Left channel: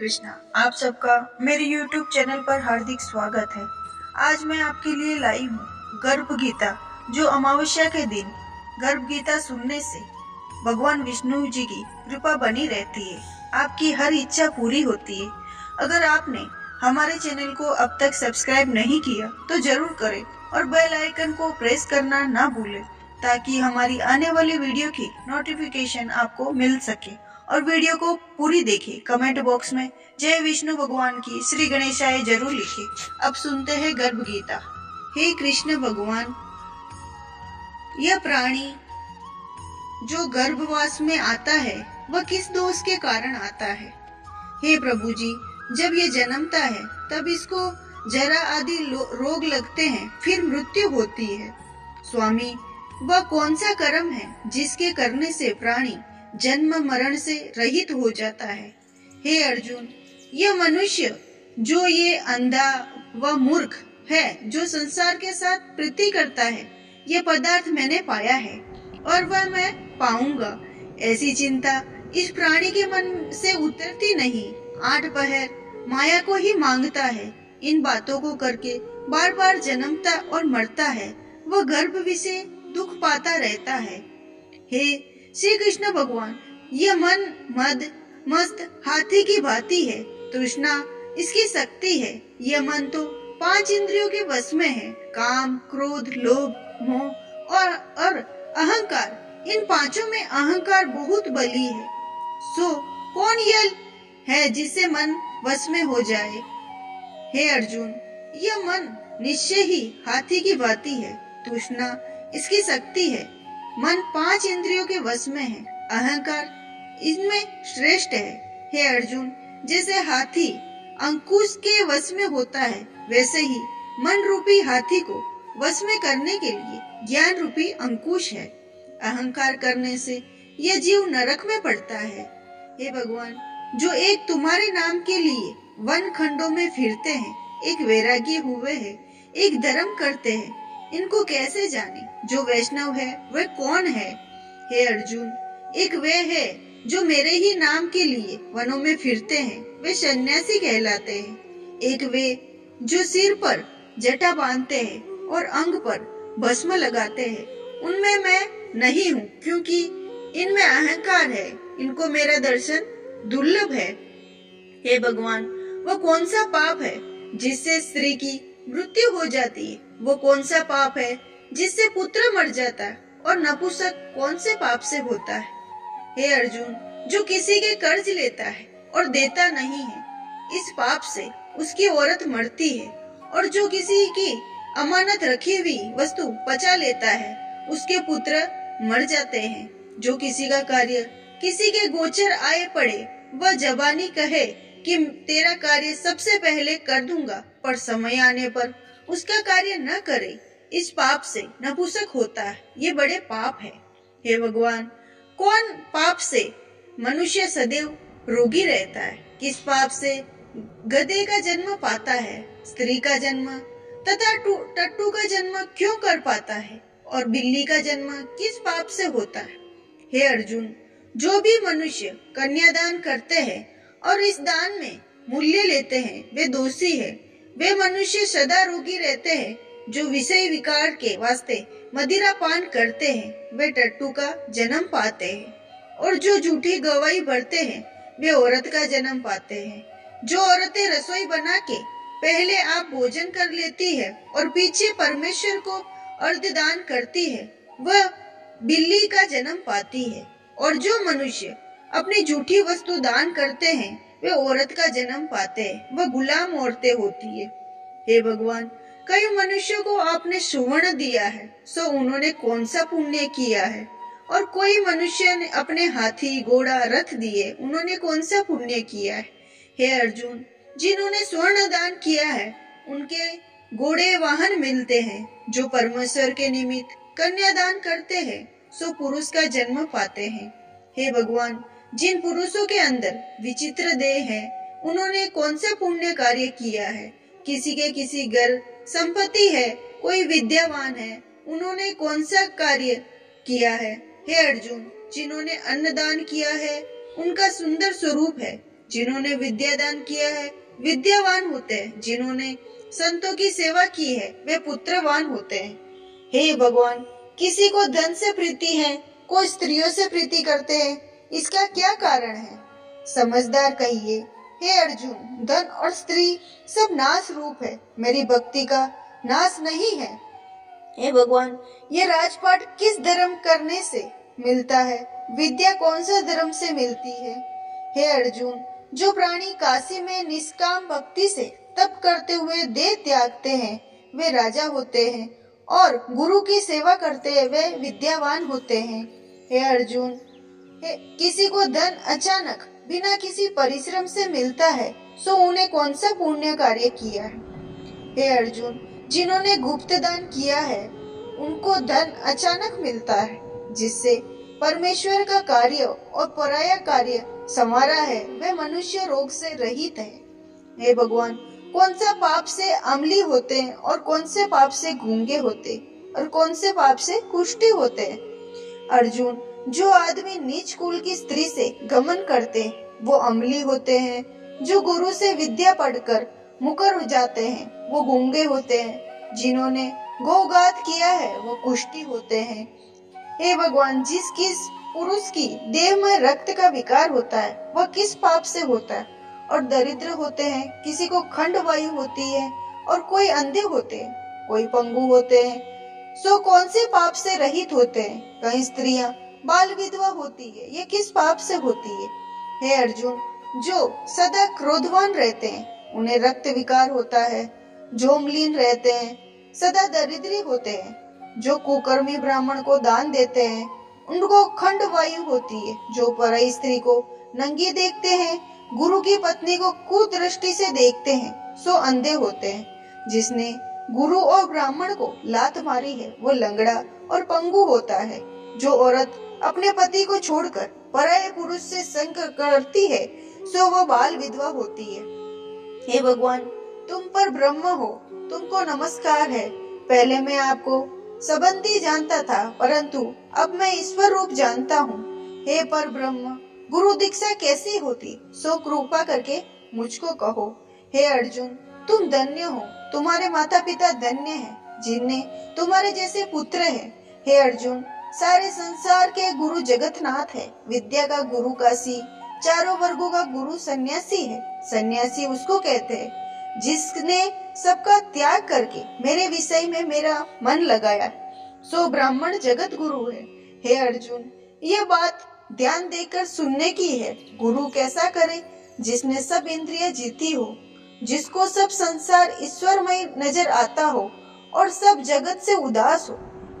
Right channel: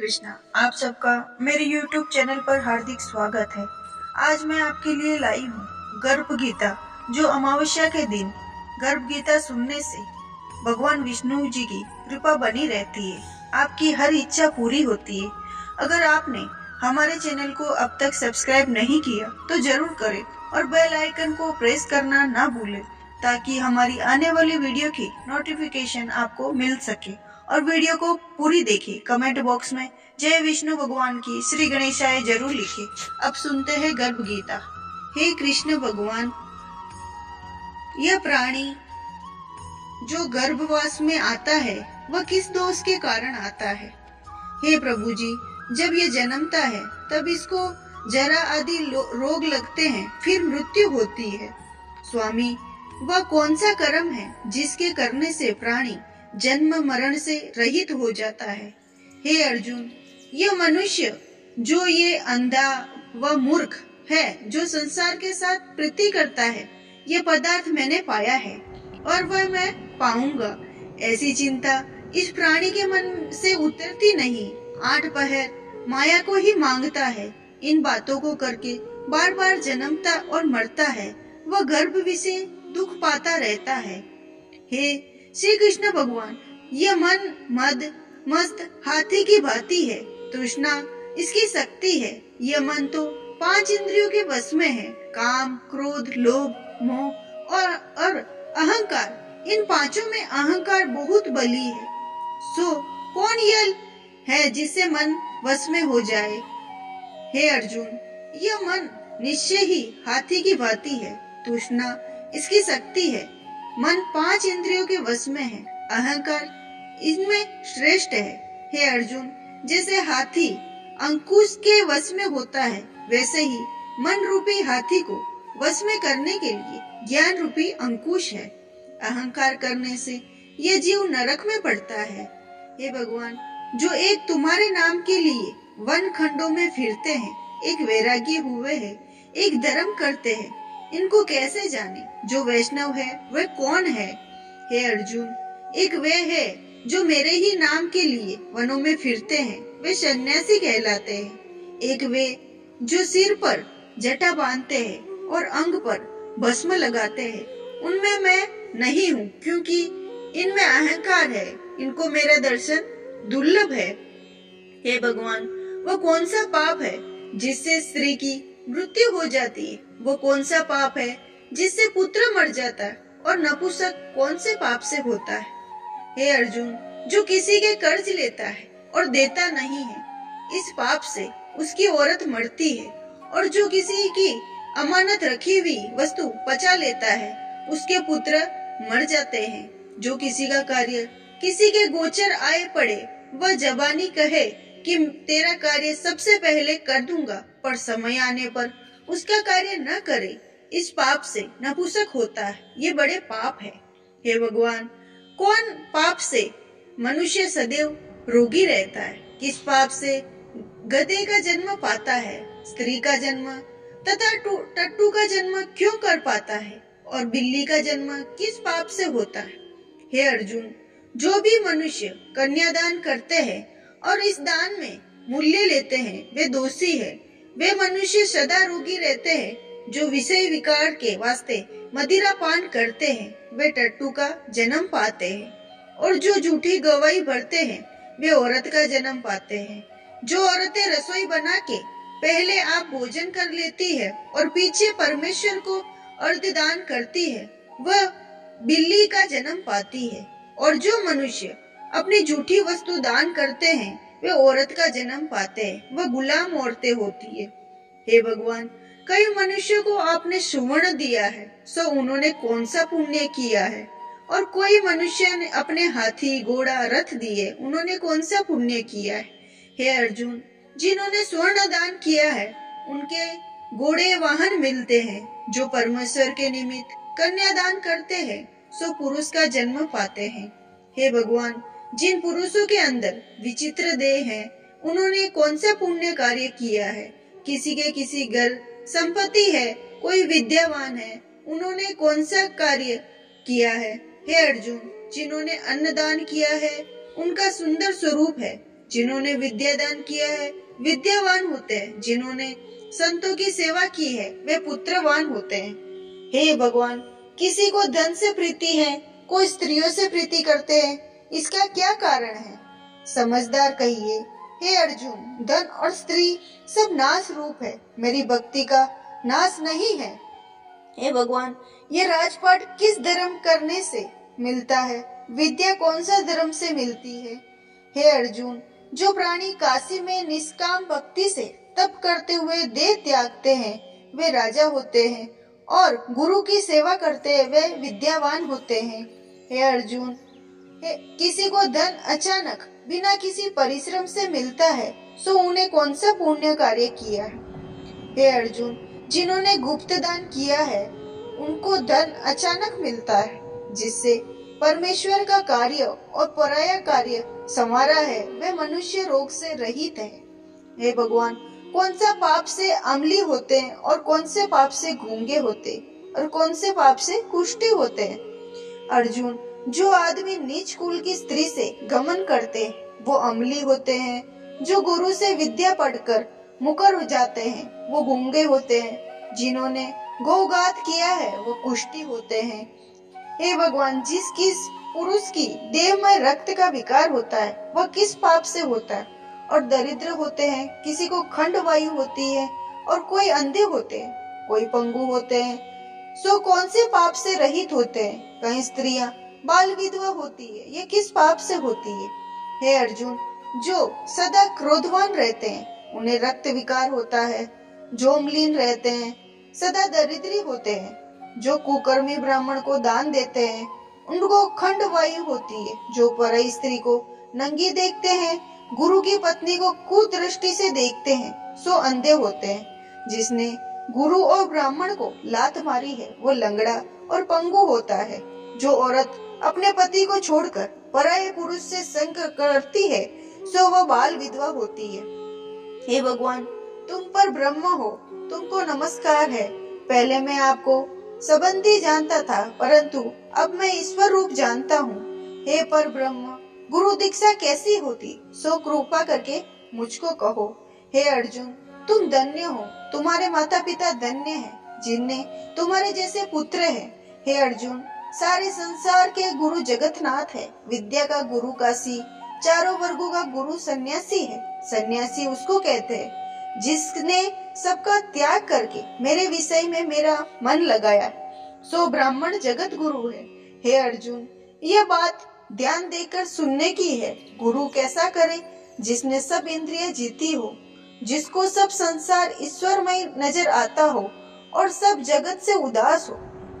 कृष्णा, आप सबका मेरे YouTube चैनल पर हार्दिक स्वागत है। आज मैं आपके लिए लाई हूँ गर्भ गीता, जो अमावस्या के दिन गर्भ गीता सुनने से भगवान विष्णु जी की कृपा बनी रहती है, आपकी हर इच्छा पूरी होती है। अगर आपने हमारे चैनल को अब तक सब्सक्राइब नहीं किया तो जरूर करें और बेल आइकन को प्रेस करना ना भूलें, ताकि हमारी आने वाली वीडियो की नोटिफिकेशन आपको मिल सके। और वीडियो को पूरी देखें। कमेंट बॉक्स में जय विष्णु भगवान की श्री गणेशाय जरूर लिखें। अब सुनते हैं गर्भ गीता। हे कृष्ण भगवान, यह प्राणी जो गर्भवास में आता है वह किस दोष के कारण आता है? हे प्रभु जी, जब ये जन्मता है तब इसको जरा आदि रोग लगते हैं, फिर मृत्यु होती है। स्वामी, वह कौन सा कर्म है जिसके करने से प्राणी जन्म मरण से रहित हो जाता है? हे अर्जुन, यह मनुष्य जो ये अंधा व मूर्ख है, जो संसार के साथ प्रीति करता है, ये पदार्थ मैंने पाया है और वह मैं पाऊंगा, ऐसी चिंता इस प्राणी के मन से उतरती नहीं। 8 पहर माया को ही मांगता है, इन बातों को करके बार बार जन्मता और मरता है, वह गर्भ विषय दुख पाता रहता है। हे श्री कृष्ण भगवान, यह मन मद मस्त हाथी की भांति है, तृष्णा इसकी शक्ति है। यह मन तो 5 इंद्रियों के वश में है, काम, क्रोध, लोभ, मोह और अहंकार। इन पांचों में अहंकार बहुत बली है। सो कौन यह है जिससे मन वश में हो जाए? हे अर्जुन, यह मन निश्चय ही हाथी की भांति है, तृष्णा इसकी शक्ति है। मन 5 इंद्रियों के वश में है, अहंकार इसमें श्रेष्ठ है। हे अर्जुन, जैसे हाथी अंकुश के वश में होता है, वैसे ही मन रूपी हाथी को वश में करने के लिए ज्ञान रूपी अंकुश है। अहंकार करने से यह जीव नरक में पड़ता है। हे भगवान, जो एक तुम्हारे नाम के लिए वन खंडों में फिरते हैं, एक वैरागी हुए हैं, एक धर्म करते हैं, इनको कैसे जाने? जो वैष्णव है वह कौन है? हे अर्जुन, एक वे है जो मेरे ही नाम के लिए वनों में फिरते हैं, वे सन्यासी कहलाते हैं। एक वे जो सिर पर जटा बांधते हैं और अंग पर भस्म लगाते हैं, उनमें मैं नहीं हूँ, क्योंकि इनमें अहंकार है, इनको मेरा दर्शन दुर्लभ है। हे भगवान, वह कौन सा पाप है जिससे स्त्री की मृत्यु हो जाती है? वो कौन सा पाप है जिससे पुत्र मर जाता है? और नपुंसक कौन से पाप से होता है? हे अर्जुन, जो किसी के कर्ज लेता है और देता नहीं है, इस पाप से उसकी औरत मरती है। और जो किसी की अमानत रखी हुई वस्तु पचा लेता है, उसके पुत्र मर जाते हैं। जो किसी का कार्य किसी के गोचर आए पड़े, वह जबानी कहे कि तेरा कार्य सबसे पहले कर दूंगा, पर समय आने पर उसका कार्य न करे, इस पाप से नपुंसक होता है। ये बड़े पाप है। हे भगवान, कौन पाप से मनुष्य सदैव रोगी रहता है? किस पाप से गधे का जन्म पाता है, स्त्री का जन्म तथा टट्टू का जन्म क्यों कर पाता है, और बिल्ली का जन्म किस पाप से होता है? हे अर्जुन, जो भी मनुष्य कन्यादान करते हैं और इस दान में मूल्य लेते हैं, वे दोषी है। वे मनुष्य सदा रोगी रहते हैं। जो विषय विकार के वास्ते मदिरा पान करते हैं, वे टट्टू का जन्म पाते हैं। और जो झूठी गवाही भरते हैं, वे औरत का जन्म पाते हैं। जो औरतें रसोई बना के पहले आप भोजन कर लेती है और पीछे परमेश्वर को अर्धदान करती है, वह बिल्ली का जन्म पाती है। और जो मनुष्य अपनी झूठी वस्तु दान करते हैं, वे औरत का जन्म पाते हैं, वह गुलाम औरतें होती है। हे भगवान, कई मनुष्यों को आपने सुवर्ण दिया है, सो उन्होंने कौन सा पुण्य किया है? और कोई मनुष्य ने अपने हाथी, घोड़ा, रथ दिए, उन्होंने कौन सा पुण्य किया है? हे अर्जुन, जिन्होंने स्वर्ण दान किया है, उनके घोड़े वाहन मिलते हैं। जो परमेश्वर के निमित्त कन्यादान करते हैं, सो पुरुष का जन्म पाते हैं। हे भगवान, जिन पुरुषों के अंदर विचित्र देह है, उन्होंने कौन सा पुण्य कार्य किया है? किसी के किसी घर संपत्ति है, कोई विद्यावान है, उन्होंने कौन सा कार्य किया है? हे अर्जुन, जिन्होंने अन्नदान किया है, उनका सुंदर स्वरूप है, जिन्होंने विद्या दान किया है विद्यावान होते हैं। जिन्होंने संतों की सेवा की है वे पुत्रवान होते हैं। हे भगवान, किसी को धन से प्रीति है, कोई स्त्रियों से प्रीति करते हैं, इसका क्या कारण है? समझदार कहिए। हे अर्जुन, धन और स्त्री सब नाश रूप है, मेरी भक्ति का नाश नहीं है। हे भगवान, ये राजपाट किस धर्म करने से मिलता है? विद्या कौन सा धर्म से मिलती है? हे अर्जुन, जो प्राणी काशी में निष्काम भक्ति से तप करते हुए देह त्यागते हैं वे राजा होते हैं, और गुरु की सेवा करते हैं वे विद्यावान होते हैं। हे अर्जुन, किसी को धन अचानक बिना किसी परिश्रम से मिलता है सो उन्हें कौन सा पुण्य कार्य किया है? हे अर्जुन, जिन्होंने गुप्त दान किया है उनको धन अचानक मिलता है, जिससे परमेश्वर का कार्य और पराया कार्य संवारा है वे मनुष्य रोग से रहित है। हे भगवान, कौन सा पाप से अम्ली होते हैं और कौन से पाप से गूंगे होते और कौन से पाप से कुष्ठ होते हैं? अर्जुन, जो आदमी नीच कुल की स्त्री से गमन करते हैं वो अम्ली होते हैं। जो गुरु से विद्या पढ़कर मुकर हो जाते हैं वो गूंगे होते हैं। जिन्होंने गोघात किया है वो कुष्ठी होते हैं। हे भगवान, जिस किस पुरुष की देह में रक्त का विकार होता है वह किस पाप से होता है? और दरिद्र होते हैं, किसी को खंड वायु होती है और कोई अंधे होते हैं, कोई पंगु होते हैं, सो कौन से पाप से रहित होते हैं? कहीं स्त्रियां बाल विधवा होती है, ये किस पाप से होती है? हे अर्जुन, जो सदा क्रोधवान रहते हैं उन्हें रक्त विकार होता है। जो मलिन रहते हैं सदा दरिद्री होते हैं। जो कुकर्मी ब्राह्मण को दान देते हैं उनको खंड वायु होती है। जो पराई स्त्री को नंगी देखते हैं, गुरु की पत्नी को कुदृष्टि से देखते हैं सो अंधे होते हैं। जिसने गुरु और ब्राह्मण को लात मारी है वो लंगड़ा और पंगु होता है। जो औरत अपने पति को छोड़कर पराये पुरुष से संग करती है सो वह बाल विधवा होती है। हे भगवान, तुम पर ब्रह्म हो, तुमको नमस्कार है। पहले मैं आपको संबंधी जानता था, परंतु अब मैं ईश्वर रूप जानता हूँ। हे पर ब्रह्म, गुरु दीक्षा कैसी होती सो कृपा करके मुझको कहो। हे अर्जुन, तुम धन्य हो, तुम्हारे माता पिता धन्य हैं जिनने तुम्हारे जैसे पुत्र हैं। हे अर्जुन, सारे संसार के गुरु जगतनाथ है। विद्या का गुरु काशी, चारों वर्गों का गुरु सन्यासी है। सन्यासी उसको कहते हैं जिसने सबका त्याग करके मेरे विषय में मेरा मन लगाया, सो ब्राह्मण जगत गुरु है। हे अर्जुन, यह बात ध्यान देकर सुनने की है। गुरु कैसा करे? जिसने सब इंद्रियां जीती हो, जिसको सब संसार ईश्वरमय नजर आता हो और सब जगत से उदास हो।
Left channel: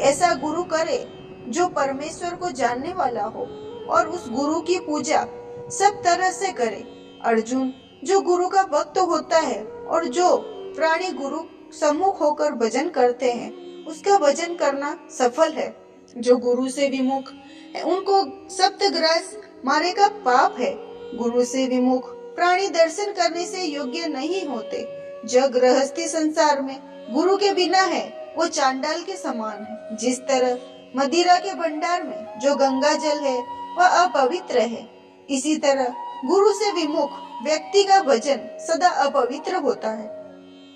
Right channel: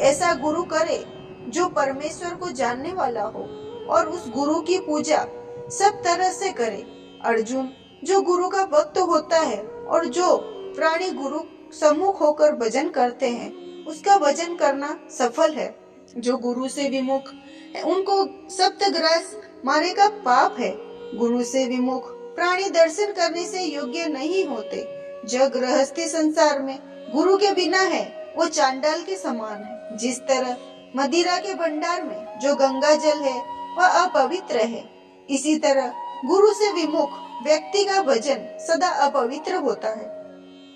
ऐसा गुरु करे जो परमेश्वर को जानने वाला हो और उस गुरु की पूजा सब तरह से करे। अर्जुन, जो गुरु का भक्त होता है और जो प्राणी गुरु सम्मुख होकर भजन करते हैं उसका भजन करना सफल है। जो गुरु से विमुख है उनको सप्तग्रास मारे का पाप है। गुरु से विमुख प्राणी दर्शन करने से योग्य नहीं होते। जो गृहस्थी संसार में गुरु के बिना है वो चांडाल के समान है। जिस तरह मदिरा के भंडार में जो गंगा जल है वह अपवित्र है, इसी तरह गुरु से विमुख व्यक्ति का भजन सदा अपवित्र होता है।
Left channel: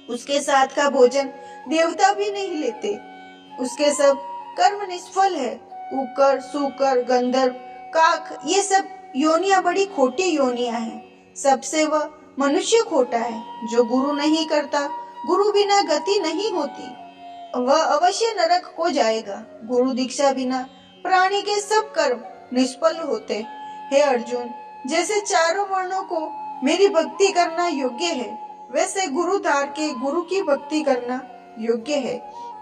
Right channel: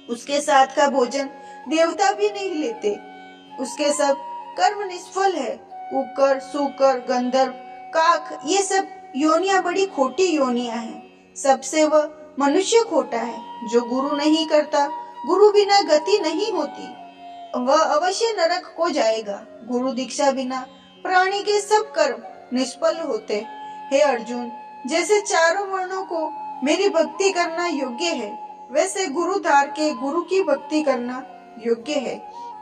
उसके साथ का भोजन देवता भी नहीं लेते। उसके सब कर्म निष्फल है। कुकर, सूकर, गंधर्व, काक, ये सब योनियां बड़ी खोटी योनियां हैं। सबसे वह मनुष्य खोटा है। जो गुरु नहीं करता, गुरु बिना गति नहीं होती, वह अवश्य नरक को जाएगा। गुरु दीक्षा बिना प्राणी के सब कर्म निष्फल होते। हे अर्जुन, जैसे चारों वर्णों को मेरी भक्ति करना योग्य है, वैसे गुरु धार के गुरु की भक्ति करना योग्य है।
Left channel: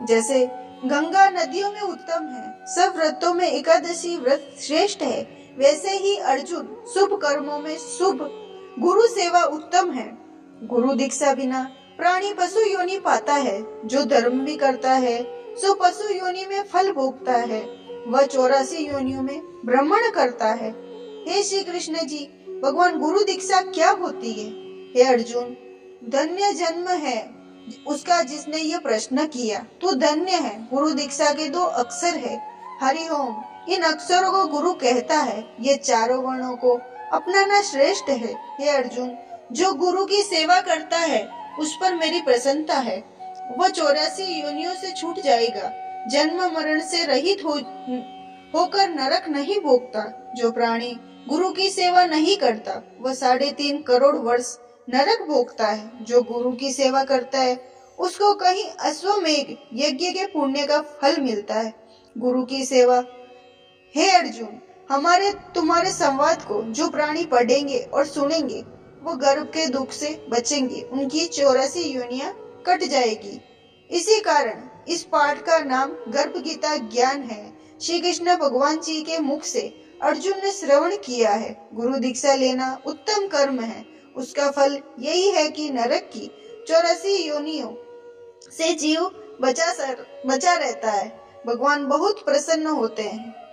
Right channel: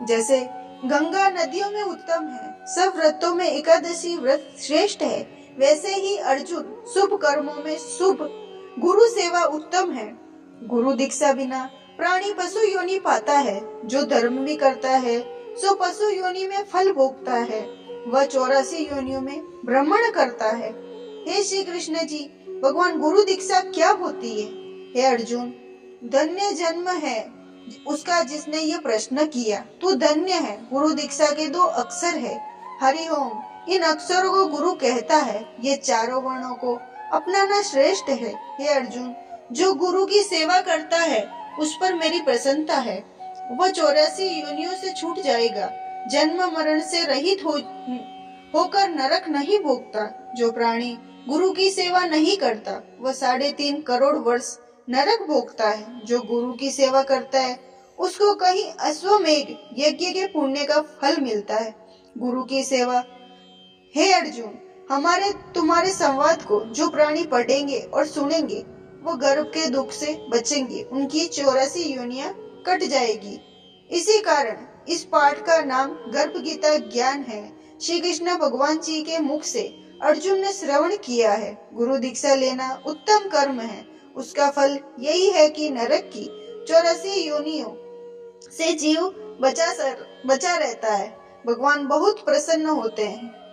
जैसे गंगा नदियों में उत्तम है, सब व्रतों में एकादशी व्रत श्रेष्ठ है, वैसे ही अर्जुन शुभ कर्मों में शुभ गुरु सेवा उत्तम है। गुरु दीक्षा बिना प्राणी पशु योनि पाता है। जो धर्म भी करता है सो पशु योनि में फल भोगता है। वह 84 योनियों में भ्रमण करता है। हे श्री कृष्ण जी, भगवान गुरु दीक्षा क्या होती है? हे अर्जुन, धन्य जन्म है उसका जिसने ये प्रश्न किया। तू धन्य है। गुरु दीक्षा के 2 अक्षर है, हरि ओम। इन अक्षरों को गुरु कहता है। ये चारों वर्णों को अपनाना श्रेष्ठ है। हे अर्जुन, जो गुरु की सेवा करता है उस पर मेरी प्रसन्नता है। वह 84 योनियों से छूट जाएगा, जन्म मरण से रहित होकर नरक नहीं भोगता। जो प्राणी गुरु की सेवा नहीं करता वह 3.5 करोड़ वर्ष नरक भोगता है। जो गुरु की सेवा करता है उसको कहीं अश्वमेघ यज्ञ के पुण्य का फल मिलता है। गुरु की सेवा। हे अर्जुन, तुम्हारे संवाद को जो प्राणी पढ़ेंगे और सुनेंगे वो गर्भ के दुख से बचेंगे, उनकी 84 योनियां कट जाएगी। इसी कारण इस पाठ का नाम गर्भ गीता ज्ञान है। श्री कृष्ण भगवान जी के मुख से अर्जुन ने श्रवण किया है। गुरु दीक्षा लेना उत्तम कर्म है। उसका फल यही है कि नरक की 84 योनियों से जीव बचा रहता है। भगवान बहुत प्रसन्न होते हैं।